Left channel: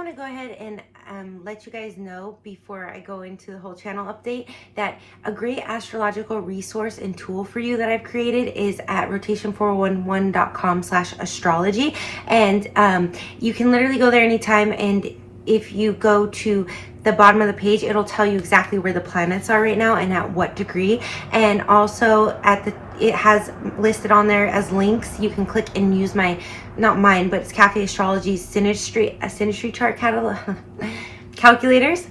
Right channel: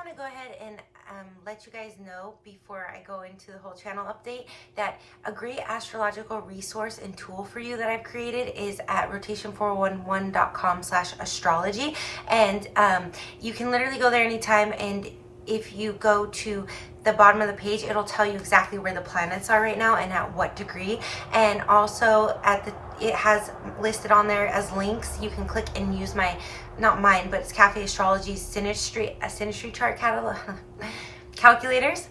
want to go ahead and let you guys know before I go into the whole channel update that a great astrological resource and tool for you that I've created is at rotation411.com/astrology, and you can literally go there anytime, and if you go to the bottom of the page, it'll tell you exactly where the planets are right now and at what degree, and also it has listed on there as links. You can click and use not mine, but it's Cafe Astrology's Synastry chart calculators.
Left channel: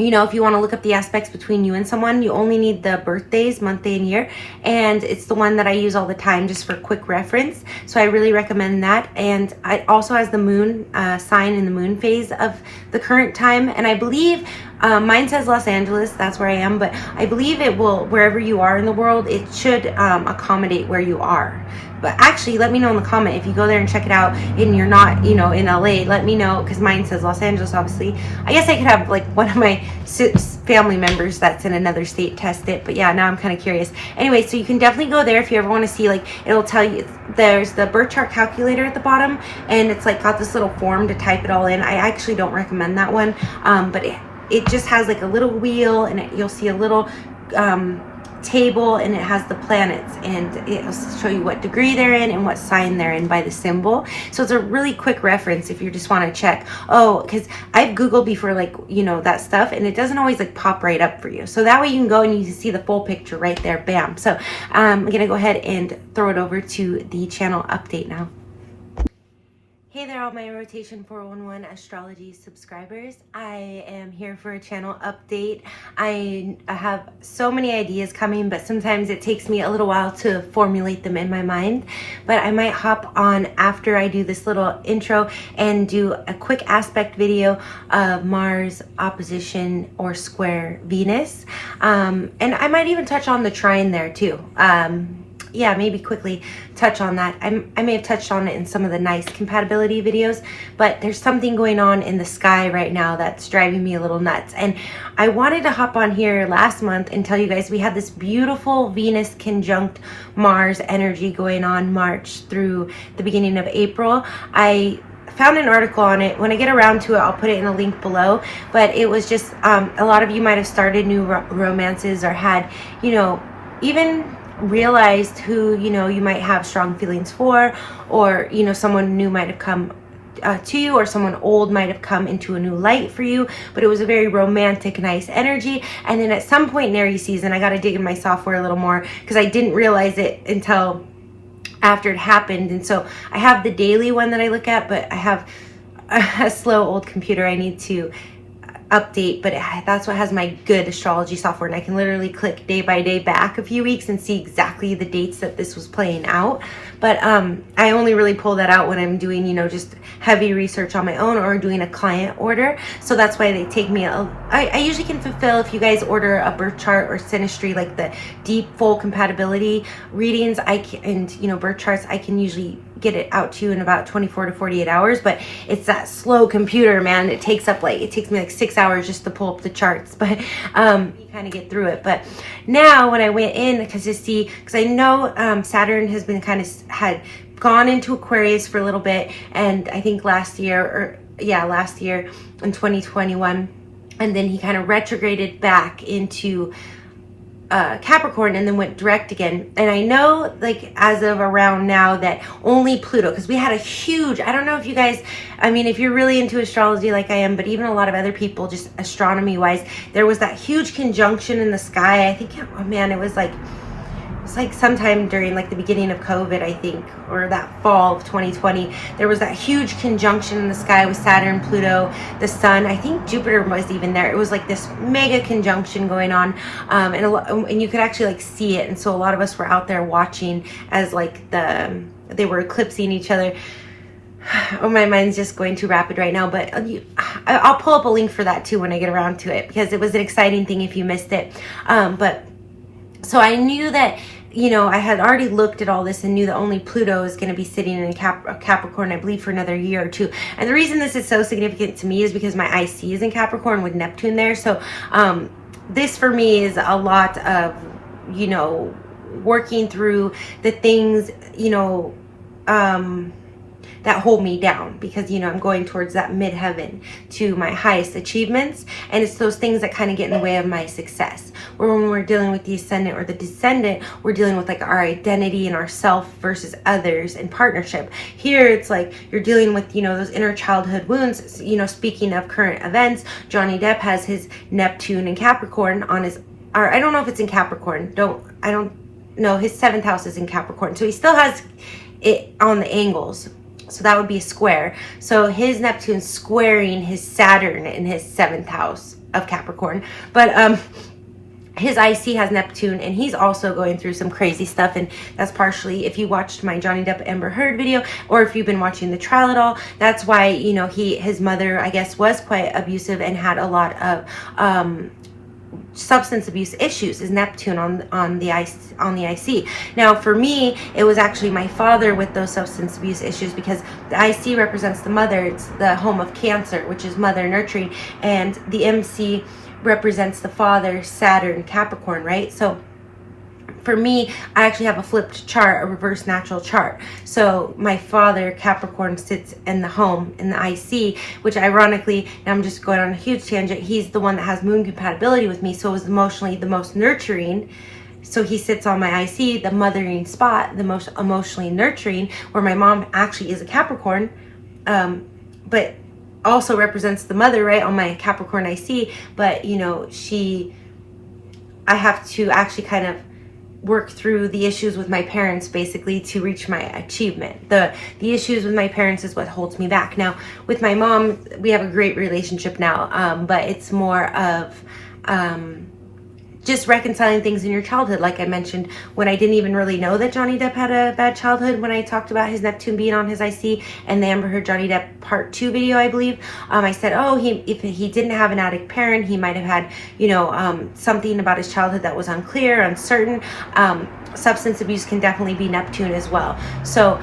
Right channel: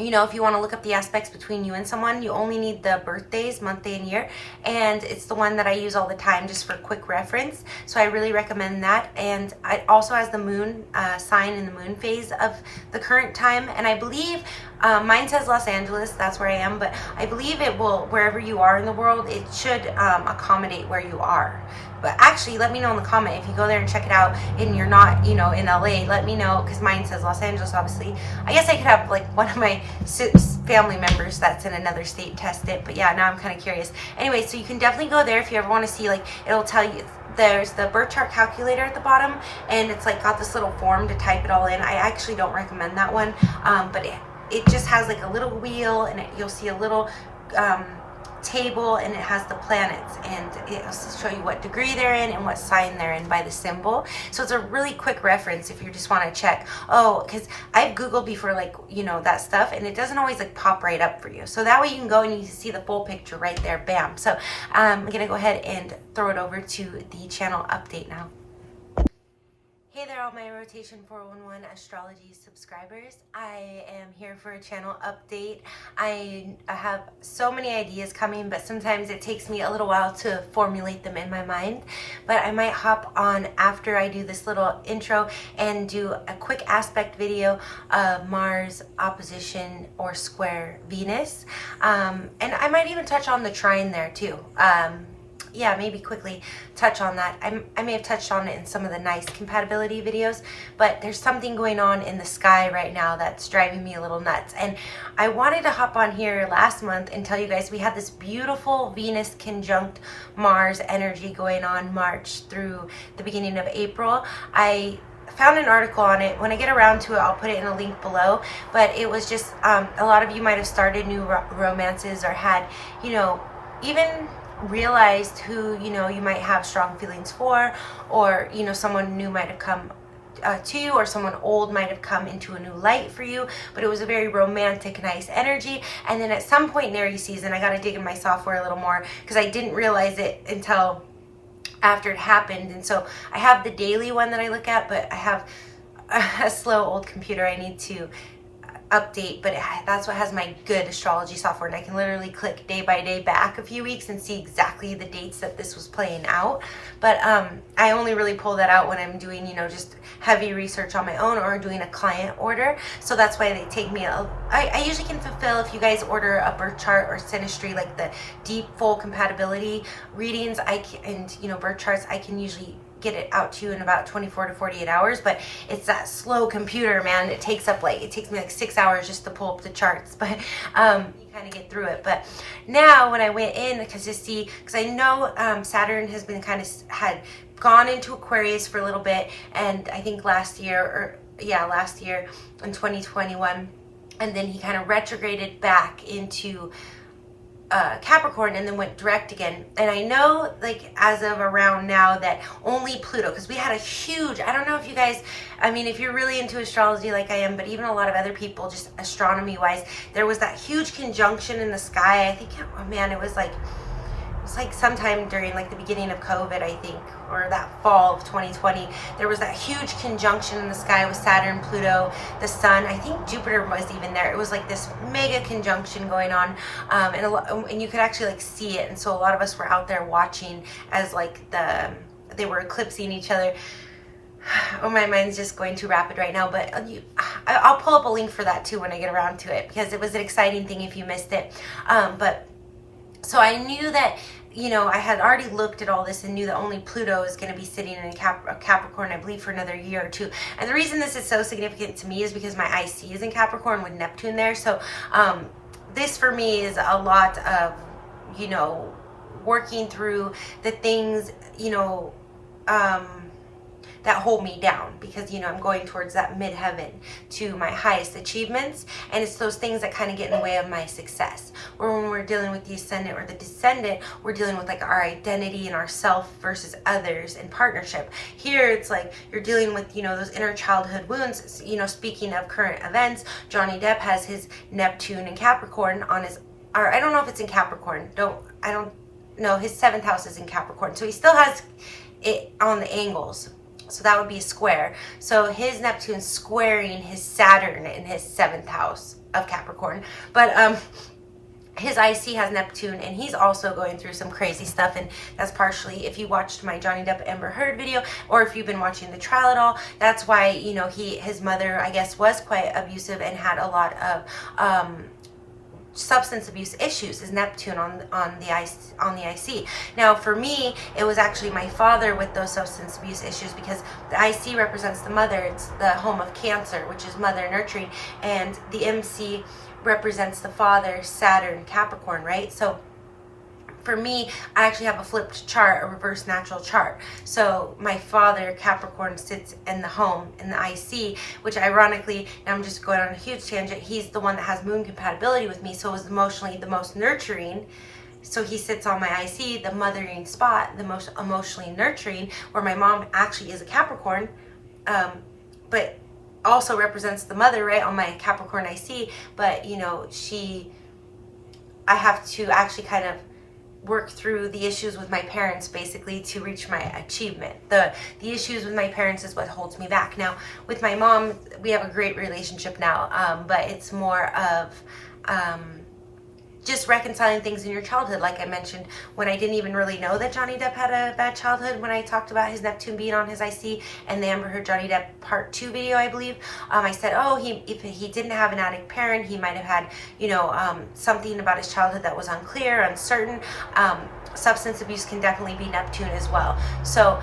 You know, if you want to look up the aspects between you and someone, you only need the birthdays, month, day, and year. And it's the one that I use all the time just for quick reference. So I really recommend that. And it also has the moon sign in the moon phase of the current time. And I believe mine says Los Angeles, that's where I am, but I believe it will, wherever you are in the world, it should accommodate where you are. But actually, let me know in the comment if you go there and check it out and you're not, you know, in LA. Let me know, because mine says Los Angeles, obviously. I guess I could have like one of my family members that's in another state test it. But yeah, now I'm kind of curious. Anyway, so you can definitely go there if you ever want to see, like, it'll tell you, there's the birth chart calculator at the bottom, and it's like got this little form to type it all in. I actually don't recommend that one, but it just has like a little wheel, and you'll see a little table, and it has the planets, and it'll show you what degree they're in and what sign they're in by the symbol. So it's a really quick reference if you just want to check. Oh, because I've Googled before, like, you know, that stuff, and it doesn't always like pop right up for you. So that way you can go and you can see the full picture right there. Bam. So I'm gonna go ahead and throw it over to the channel update now. Hey there, all my Rotation 411 astrology subscribers. I am here for a channel update. I have so many ideas coming, but sometimes it takes me a little while to formulate them in my mind. But I might hop on after I do this little intro and do a quick aspect video of Mars opposition or square Venus. And I might even touch on the trine there too. Yeah, maybe quickly touch on that. I may have touched on it in some of the nice compatibility videos, but there's something going on in the sky right now that's driving me a little nuts. And I wanted to hop on here last month and tell you guys we had this beautiful Venus conjunct Mars energy going on March through the beginning of April. I found an article on it. When I get around to it, I'll put it in a link below. But it was just, a lot of you might have started new romances or had, you know, even realized who, you know, you might have strong feelings for, or, you know, someone new might have come to you, or someone old might have come into a new light for you, but it was a very romantic, nice energy. And then at some point in Aries season, I got to dig in my software a little more, because I didn't realize it until after it happened. And so I have the daily one that I look at, but I have a slow old computer I need to update, but that's what has my good astrology software, and I can literally click day by day back a few weeks and see exactly the dates that this was playing out. But I only really pull that out when I'm doing, you know, just heavy research on my own or doing a client order. So that's why they take me I usually can fulfill, if you guys order a birth chart or synastry, like the deep full compatibility readings, and you know, birth charts, I can usually get it out to you in about 24 to 48 hours, but it's that slow computer, man. It takes me like 6 hours just to pull up the charts, but you kind of get through it. But now when I went in, because I know Saturn has been had gone into Aquarius for a little bit, and I think last year in 2021, and then he kind of retrograded back into Capricorn and then went direct again. And I know, like, as of around now, that only Pluto, because we had a huge, I don't know if you guys, I mean, if you're really into astrology like I am, but even a lot of other people, just astronomy wise, there was that huge conjunction in the sky. I think, oh man, it was like sometime during like the beginning of COVID, I think, or that fall of 2020, there was that huge conjunction in the sky with Saturn, Pluto, the sun. I think Jupiter was even there. It was like this mega conjunction going on, and you could actually like see it. And so a lot of us were out there watching as like they were eclipsing each other. Oh, my mind's just going too rapid right now, but I'll pull up a link for that too when I get around to it, because it was an exciting thing if you missed it. But so I knew that, you know, I had already looked at all this and knew that only Pluto is going to be sitting in Capricorn, I believe, for another year or two. And the reason this is so significant to me is because my IC is in Capricorn with Neptune there. So this for me is a lot of, you know, working through the things, you know, that that hold me down, because, you know, I'm going towards that midheaven to my highest achievements. And it's those things that kind of get in the way of my success. Where when we're dealing with the ascendant or the descendant, we're dealing with like our identity and our self versus others and partnership. Here, it's like you're dealing with, you know, those inner childhood wounds. You know, speaking of current events, Johnny Depp has his Neptune in Capricorn on his, or I don't know if it's in Capricorn. I don't know. His 7th house is in Capricorn. So he still has it on the angles. So that would be a square. So his Neptune squaring his Saturn in his 7th house of Capricorn. But his IC has Neptune, and he's also going through some crazy stuff. And that's partially, if you watched my Johnny Depp Amber Heard video, or if you've been watching the trial at all, that's why, you know, his mother, I guess, was quite abusive and had a lot of substance abuse issues. Is Neptune on the IC. Now for me, it was actually my father with those substance abuse issues, because the IC represents the mother. It's the home of Cancer, which is mother nurturing, and the MC represents the father, Saturn, Capricorn, right? So for me, I actually have a flipped chart, a reverse natural chart. So my father, Capricorn, sits in the home, in the IC, which ironically, and I'm just going on a huge tangent, he's the one that has moon compatibility with me, so is emotionally the most nurturing. So he sits on my IC, the mothering spot, the most emotionally nurturing, where my mom actually is a Capricorn, but also represents the mother, right, on my Capricorn IC. But, you know, I have to actually kind of work through the issues with my parents, basically, to reach my achievement. The issues with my parents is what holds me back. Now with my mom, we have a great relationship now, but it's more of just reconciling things in your childhood. Like I mentioned, when I didn't even really know that Johnny Depp had a bad childhood, when I talked about his Neptune being on his IC and the Amber Heard Johnny Depp part 2 video, I believe, I said, oh, if he didn't have an addict parent, he might have had, you know, something about his childhood that was unclear, uncertain. Substance abuse can definitely be Neptune as well. So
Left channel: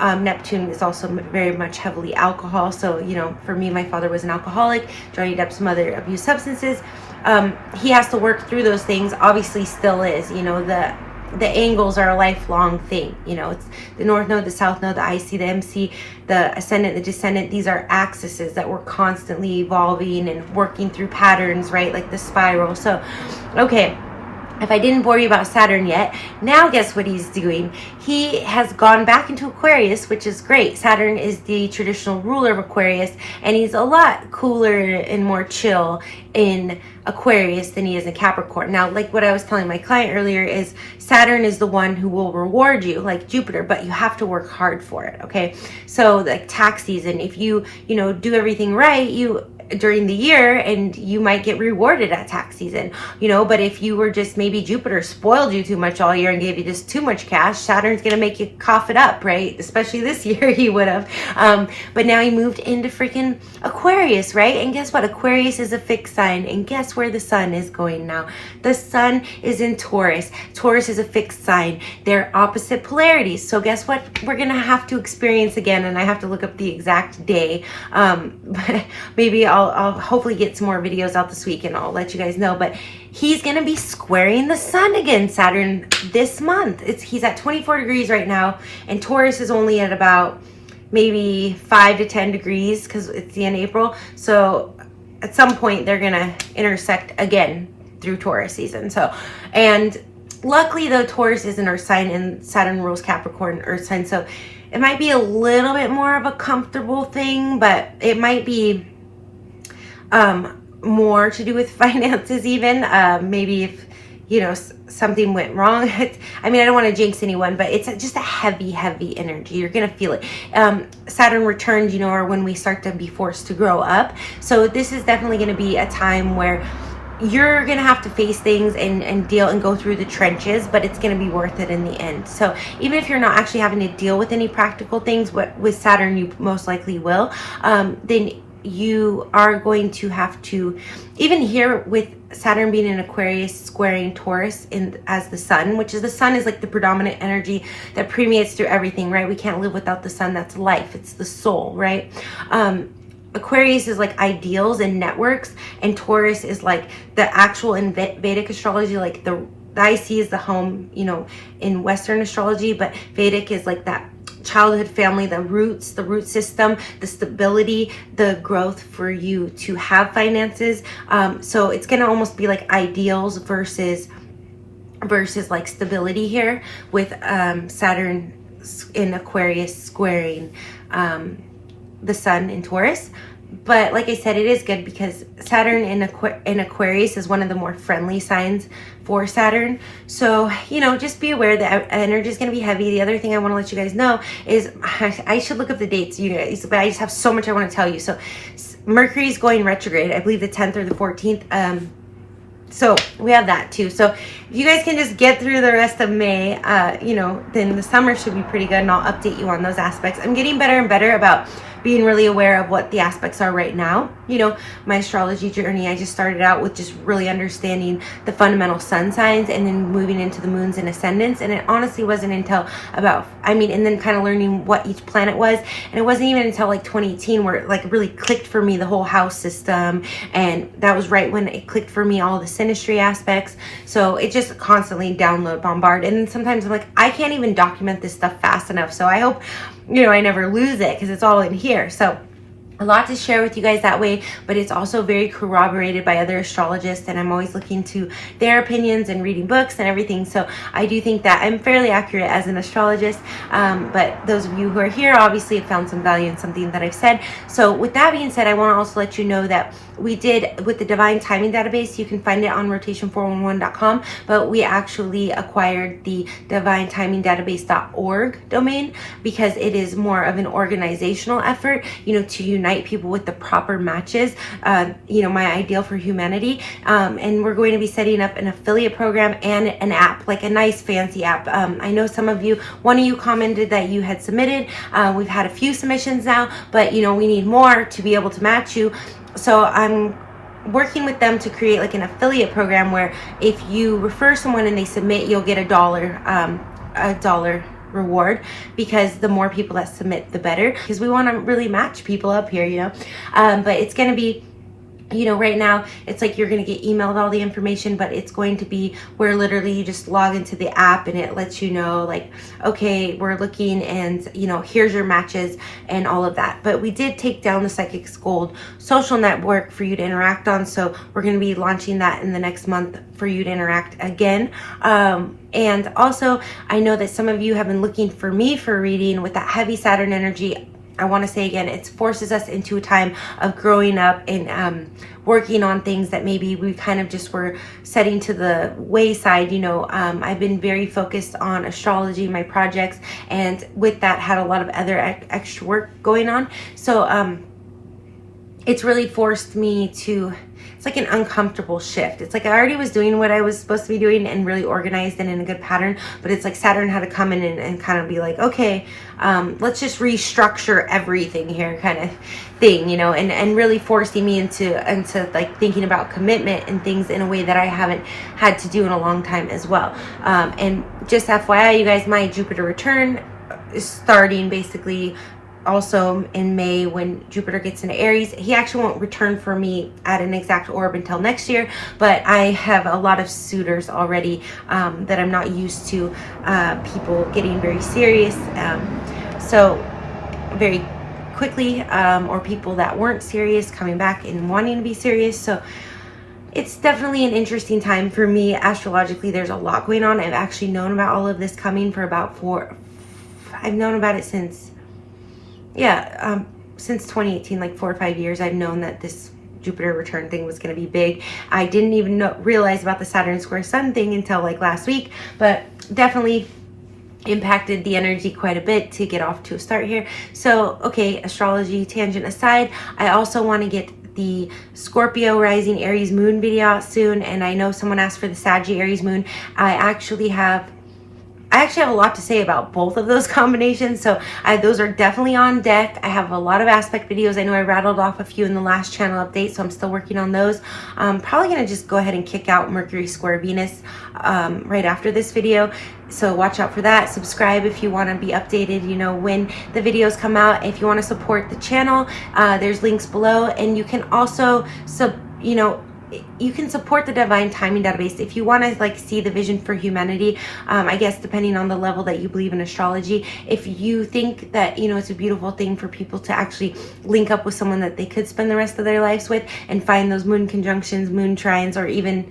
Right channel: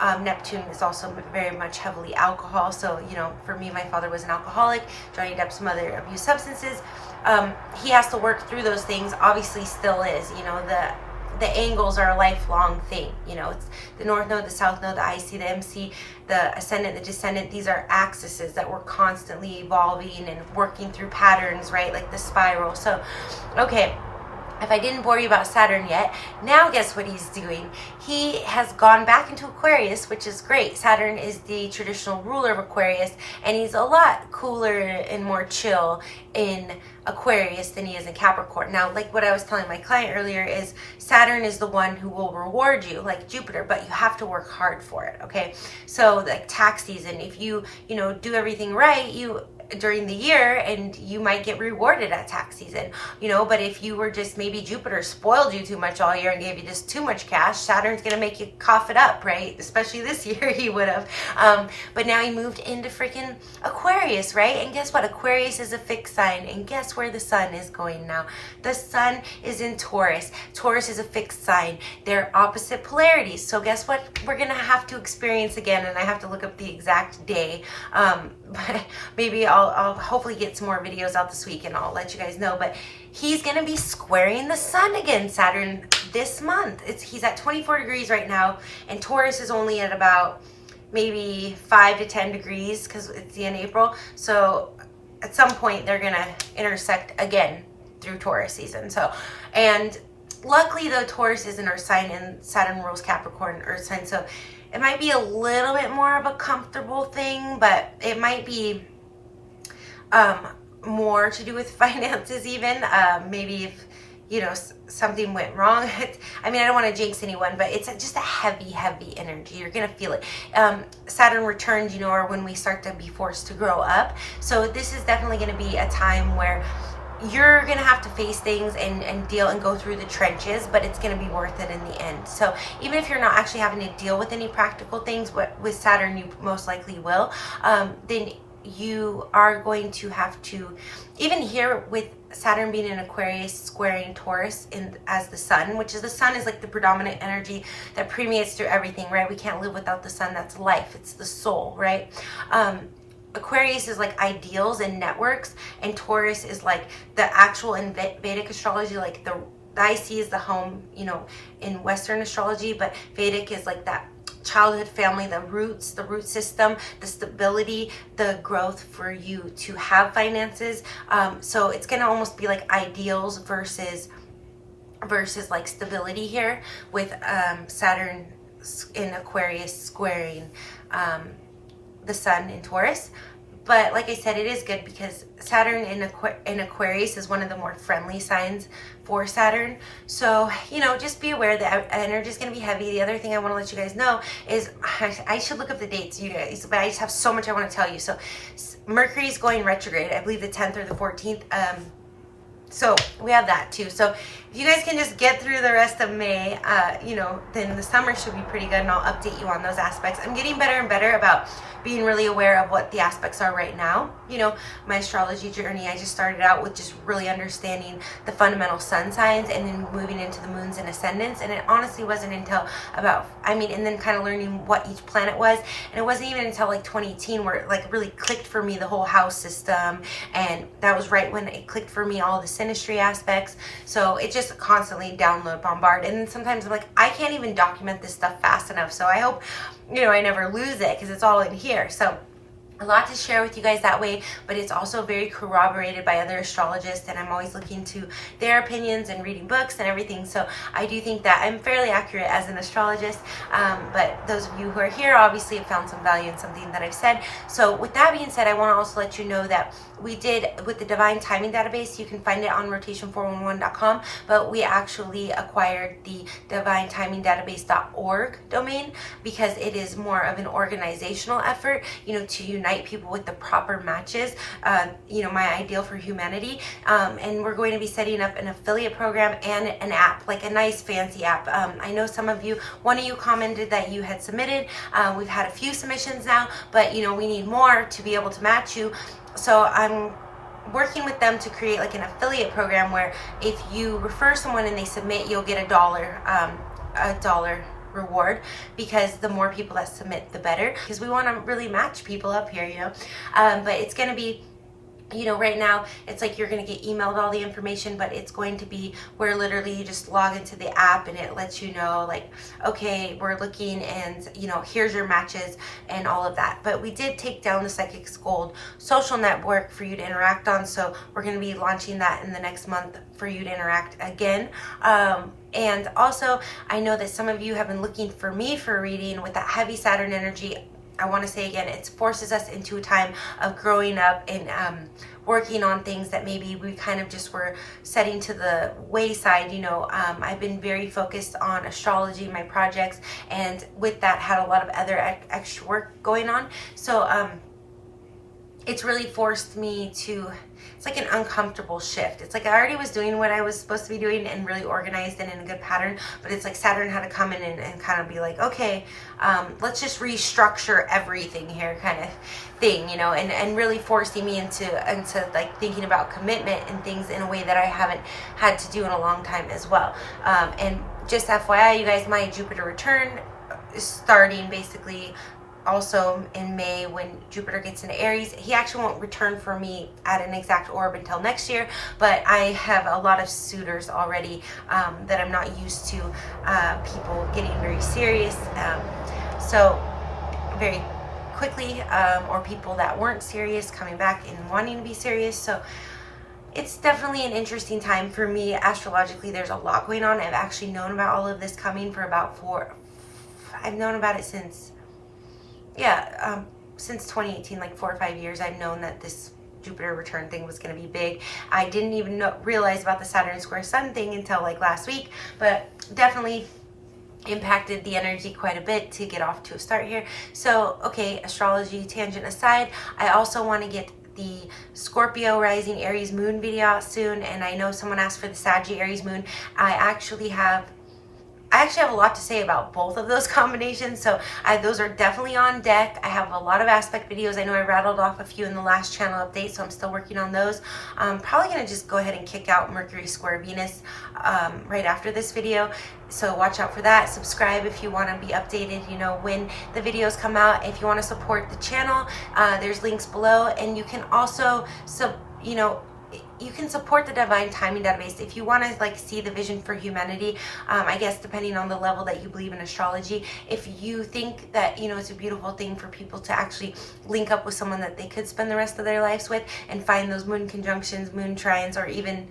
Neptune is also very much heavily alcohol. So, you know, for me, my father was an alcoholic. Johnny Depp's mother abused substances. He has to work through those things. Obviously still is, you know, the angles are a lifelong thing. You know, it's the North Node, the South Node, the IC, the MC, the Ascendant, the Descendant. These are axes that we're constantly evolving and working through patterns, right? Like the spiral. So, okay. If I didn't bore you about Saturn yet, now guess what he's doing? He has gone back into Aquarius, which is great. Saturn is the traditional ruler of Aquarius, and he's a lot cooler and more chill in Aquarius than he is in Capricorn. Now, like what I was telling my client earlier, is Saturn is the one who will reward you, like Jupiter, but you have to work hard for it, okay? So like tax season, if you do everything right, during the year, and you might get rewarded at tax season, you know. But if you were just, maybe Jupiter spoiled you too much all year and gave you just too much cash, Saturn's gonna make you cough it up, right? Especially this year he would have. But now he moved into freaking Aquarius, right? And guess what? Aquarius is a fixed sign, and guess where the sun is going now? The sun is in Taurus. Taurus is a fixed sign. They're opposite polarities. So guess what? We're gonna have to experience again, and I have to look up the exact day. But maybe I'll hopefully get some more videos out this week and I'll let you guys know. But he's going to be squaring the sun again, Saturn, this month. He's at 24 degrees right now, and Taurus is only at about maybe 5 to 10 degrees because it's the end of April. So at some point they're going to intersect again through Taurus season. So, and luckily though, Taurus is an earth sign and Saturn rules Capricorn, earth sign. So it might be a little bit more of a comfortable thing, but it might be more to do with finances even. Maybe if, you know, something went wrong. I mean, I don't want to jinx anyone, but it's just a heavy energy. You're going to feel it. Saturn returns, you know, are when we start to be forced to grow up. So this is definitely going to be a time where you're going to have to face things and deal and go through the trenches, but it's going to be worth it in the end. So even if you're not actually having to deal with any practical things, with Saturn you most likely will, then you are going to have to, even here with Saturn being in Aquarius squaring Taurus as the sun, which is, the sun is like the predominant energy that permeates through everything, right? We can't live without the sun. That's life. It's the soul, right? Aquarius is like ideals and networks, and Taurus is like the actual, in Vedic astrology, like the IC is the home, you know, in Western astrology, but Vedic is like that childhood family, the roots, the root system, the stability, the growth for you to have finances. So it's going to almost be like ideals versus like stability here, with Saturn in Aquarius squaring the sun in Taurus. But like I said, it is good because Saturn in Aquarius is one of the more friendly signs for Saturn. So, you know, just be aware that energy is going to be heavy. The other thing I want to let you guys know is I should look up the dates, you guys, but I just have so much I want to tell you. So Mercury is going retrograde, I believe the 10th or the 14th. So we have that too. So if you guys can just get through the rest of May, you know, then the summer should be pretty good, and I'll update you on those aspects. I'm getting better and better about being really aware of what the aspects are right now. You know, my astrology journey, I just started out with just really understanding the fundamental sun signs and then moving into the moons and ascendants. And it honestly wasn't until about, and then kind of learning what each planet was. And it wasn't even until like 2018 where it like really clicked for me, the whole house system. And that was right when it clicked for me, all the synastry aspects. So it just constantly bombard. And then sometimes I'm like, I can't even document this stuff fast enough. So I hope, you know, I never lose it because it's all in here. So a lot to share with you guys that way, but it's also very corroborated by other astrologists, and I'm always looking to their opinions and reading books and everything. So I do think that I'm fairly accurate as an astrologist, but those of you who are here obviously have found some value in something that I've said. So with that being said, I want to also let you know that we did with the Divine Timing Database. You can find it on rotation411.com, but we actually acquired the divinetimingdatabase.org domain because it is more of an organizational effort, you know, to unite people with the proper matches, you know, my ideal for humanity. And we're going to be setting up an affiliate program and an app, like a nice fancy app. I know some of you, one of you commented that you had submitted. We've had a few submissions now, but you know, we need more to be able to match you. So I'm working with them to create like an affiliate program where if you refer someone and they submit, you'll get $1 reward, because the more people that submit, the better, because we want to really match people up here, you know. But it's going to be, you know, right now it's like you're going to get emailed all the information, but it's going to be where literally you just log into the app and it lets you know, like, okay, we're looking, and you know, here's your matches and all of that. But we did take down the Psychics Gold social network for you to interact on, so we're going to be launching that in the next month for you to interact again. And also, I know that some of you have been looking for me for a reading with that heavy Saturn energy. I want to say again, it forces us into a time of growing up and working on things that maybe we kind of just were setting to the wayside. You know, I've been very focused on astrology, my projects, and with that had a lot of other extra work going on. So it's really forced me to, it's like an uncomfortable shift. It's like I already was doing what I was supposed to be doing and really organized and in a good pattern, but it's like Saturn had to come in and kind of be like, okay, let's just restructure everything here, kind of thing, you know, and really forcing me into like thinking about commitment and things in a way that I haven't had to do in a long time as well. And just FYI, you guys, my Jupiter return is starting basically also in May when Jupiter gets into Aries. He actually won't return for me at an exact orb until next year, but I have a lot of suitors already that I'm not used to, people getting very serious, so very quickly, or people that weren't serious coming back and wanting to be serious. So it's definitely an interesting time for me astrologically. There's a lot going on. I've actually known about all of this coming for about I've known about it since 2018, like 4 or 5 years. I've known that this Jupiter return thing was going to be big. I didn't even realize about the Saturn square sun thing until like last week, but definitely impacted the energy quite a bit to get off to a start here. So, okay, astrology tangent aside, I also want to get the Scorpio rising Aries moon video out soon, and I know someone asked for the Sag Aries moon. I actually have a lot to say about both of those combinations, so those are definitely on deck. I have a lot of aspect videos. I know I rattled off a few in the last channel update, so I'm still working on those. I'm probably going to just go ahead and kick out Mercury square Venus right after this video, so watch out for that. Subscribe if you want to be updated, you know, when the videos come out. If you want to support the channel, there's links below, and you can also you can support the Divine Timing Database if you want to like see the vision for humanity. I guess depending on the level that you believe in astrology, if you think that, you know, it's a beautiful thing for people to actually link up with someone that they could spend the rest of their lives with and find those moon conjunctions, moon trines, or even,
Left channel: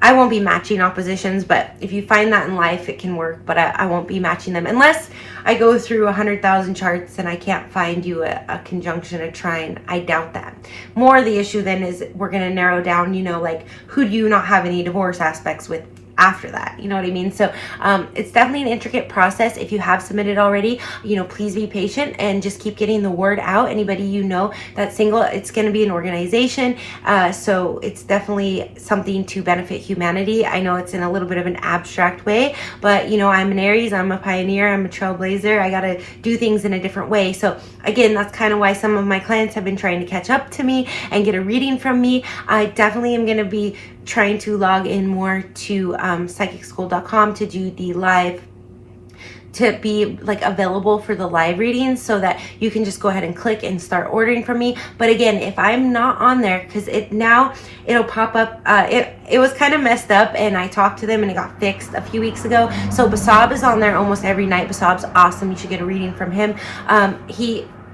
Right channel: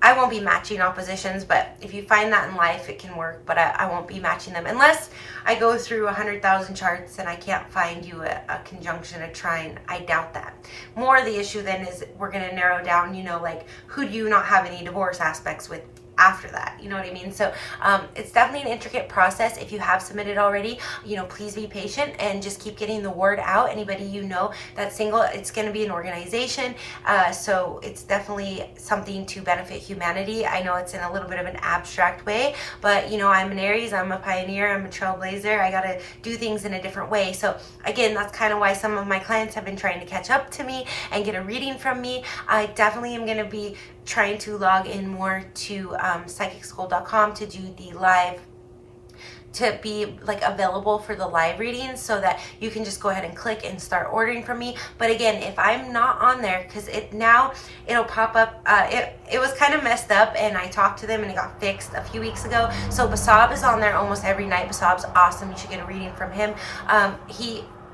I won't be matching oppositions, but if you find that in life, it can work, but I won't be matching them unless I go through 100,000 charts and I can't find you a conjunction, a trine. I doubt that. More the issue then is we're going to narrow down, you know, like who do you not have any divorce aspects with after that, you know what I mean? So it's definitely an intricate process. If you have submitted already, you know, please be patient and just keep getting the word out. Anybody you know that's single, it's going to be an organization, so it's definitely something to benefit humanity. I know it's in a little bit of an abstract way, but you know, I'm an Aries, I'm a pioneer, I'm a trailblazer. I got to do things in a different way. So again, that's kind of why some of my clients have been trying to catch up to me and get a reading from me. I definitely am going to be trying to log in more to psychicschool.com to do the live, to be like available for the live readings, so that you can just go ahead and click and start ordering from me. But again, if I'm not on there, because it'll pop up, it was kind of messed up, and I talked to them and it got fixed a few weeks ago. So Basab is on there almost every night. Basab's awesome. You should get a reading from him.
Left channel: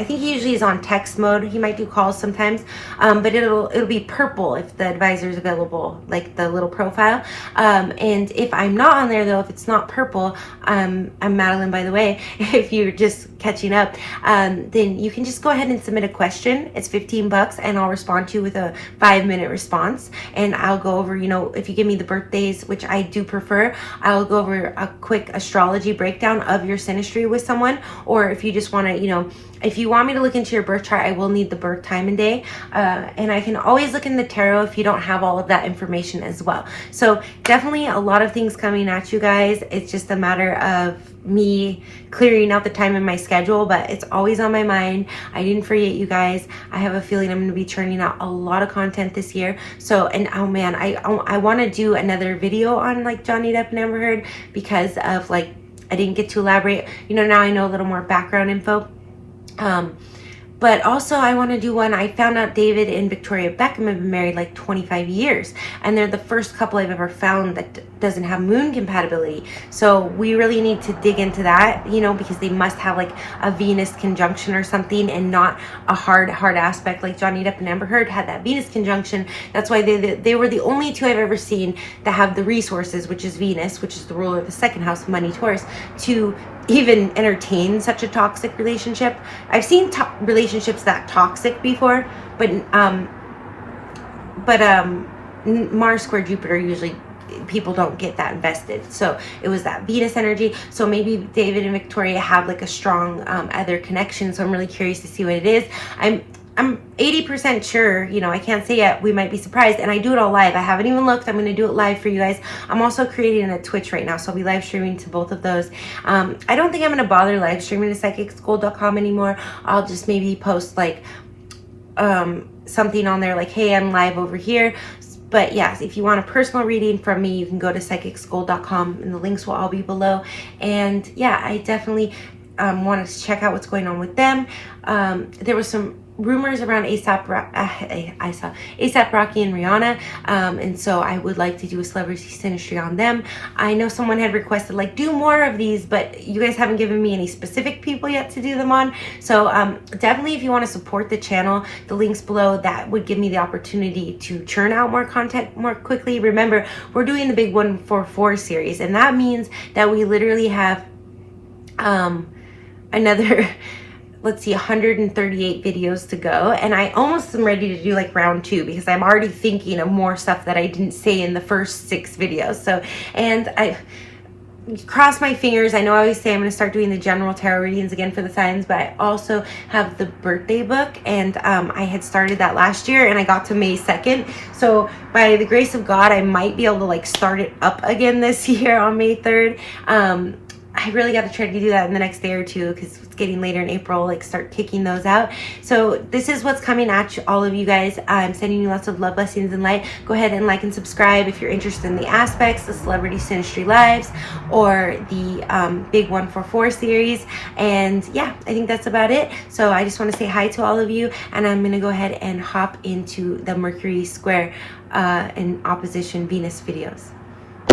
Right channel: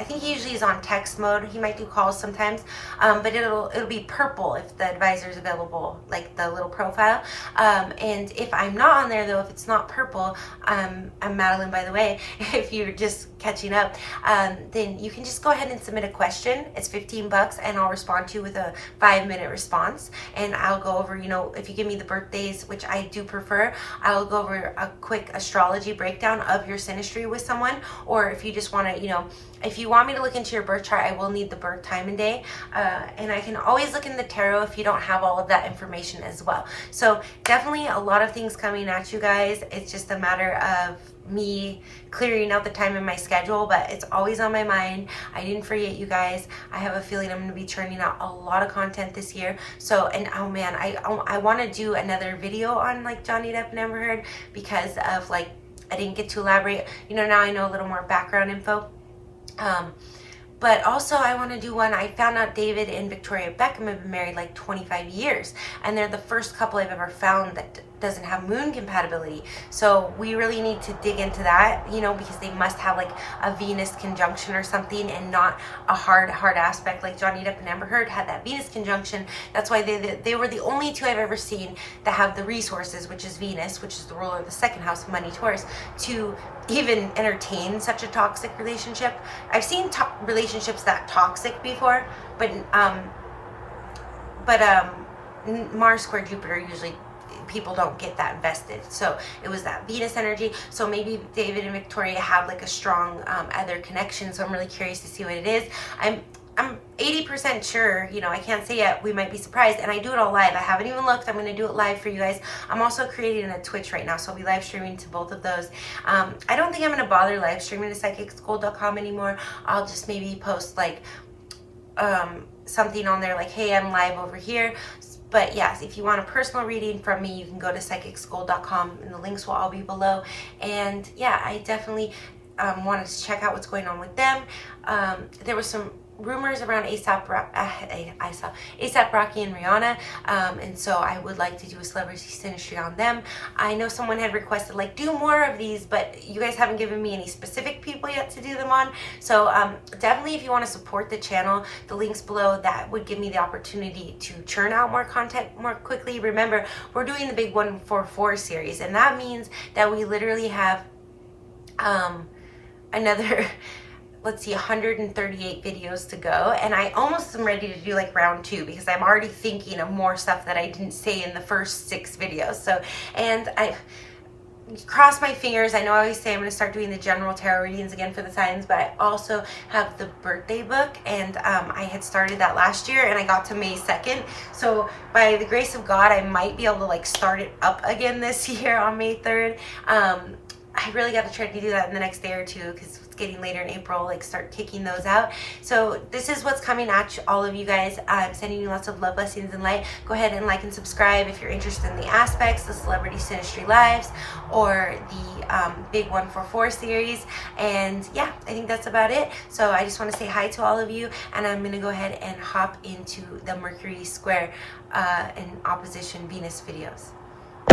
I think he usually is on text mode. He might do calls sometimes, but it'll be purple if the advisor is available, like the little profile. And if I'm not on there though, if it's not purple, I'm Madeline, by the way, if you're just catching up, then you can just go ahead and submit a question. It's $15 and I'll respond to you with a 5-minute response. And I'll go over, you know, if you give me the birthdays, which I do prefer, I'll go over a quick astrology breakdown of your synastry with someone. Or if you just want to, you know, if you want me to look into your birth chart, I will need the birth time and day. And I can always look in the tarot if you don't have all of that information as well. So definitely a lot of things coming at you guys. It's just a matter of me clearing out the time in my schedule, but it's always on my mind. I didn't forget you guys. I have a feeling I'm going to be churning out a lot of content this year. So, and oh man, I want to do another video on like Johnny Depp and Amber Heard, because of like, I didn't get to elaborate. You know, now I know a little more background info. But also I want to do one. I found out David and Victoria Beckham have been married like 25 years, and they're the first couple I've ever found that doesn't have moon compatibility. So we really need to dig into that, you know, because they must have like a Venus conjunction or something, and not a hard aspect like Johnny Depp and Amber Heard had that Venus conjunction. That's why they were the only two I've ever seen that have the resources, which is Venus, which is the ruler of the second house, money, Taurus, to even entertain such a toxic relationship. I've seen relationships that toxic before, but Mars square Jupiter, usually people don't get that invested. So it was that Venus energy. So maybe David and Victoria have like a strong other connection. So I'm really curious to see what it is. I'm 80% sure, you know, I can't say yet, we might be surprised, and I do it all live. I haven't even looked. I'm going to do it live for you guys. I'm also creating a Twitch right now, so I'll be live streaming to both of those. I don't think I'm going to bother live streaming to psychicschool.com anymore. I'll just maybe post like something on there like, hey, I'm live over here. But yes, if you want a personal reading from me, you can go to psychicschool.com, and the links will all be below. And yeah, I definitely wanted to check out what's going on with them. There was some rumors around ASAP Rocky and Rihanna, and so I would like to do a celebrity synastry on them. I know someone had requested like do more of these, but you guys haven't given me any specific people yet to do them on. So definitely, if you want to support the channel, the links below, that would give me the opportunity to churn out more content more quickly. Remember, we're doing the big 144 series, and that means that we literally have another let's see, 138 videos to go, and I almost am ready to do like round 2, because I'm already thinking of more stuff that I didn't say in the first 6 videos. So, and I cross my fingers. I know I always say I'm going to start doing the general tarot readings again for the signs, but I also have the birthday book, and I had started that last year, and I got to May 2nd. So by the grace of God, I might be able to like start it up again this year on May 3rd. I really got to try to do that in the next day or two, because it's getting later in April, like start kicking those out. So this is what's coming at you, all of you guys. I'm sending you lots of love, blessings, and light. Go ahead and like and subscribe if you're interested in the aspects, the Celebrity Synastry Lives, or the Big 144 series. And yeah, I think that's about it. So I just want to say hi to all of you, and I'm going to go ahead and hop into the Mercury square and opposition Venus videos.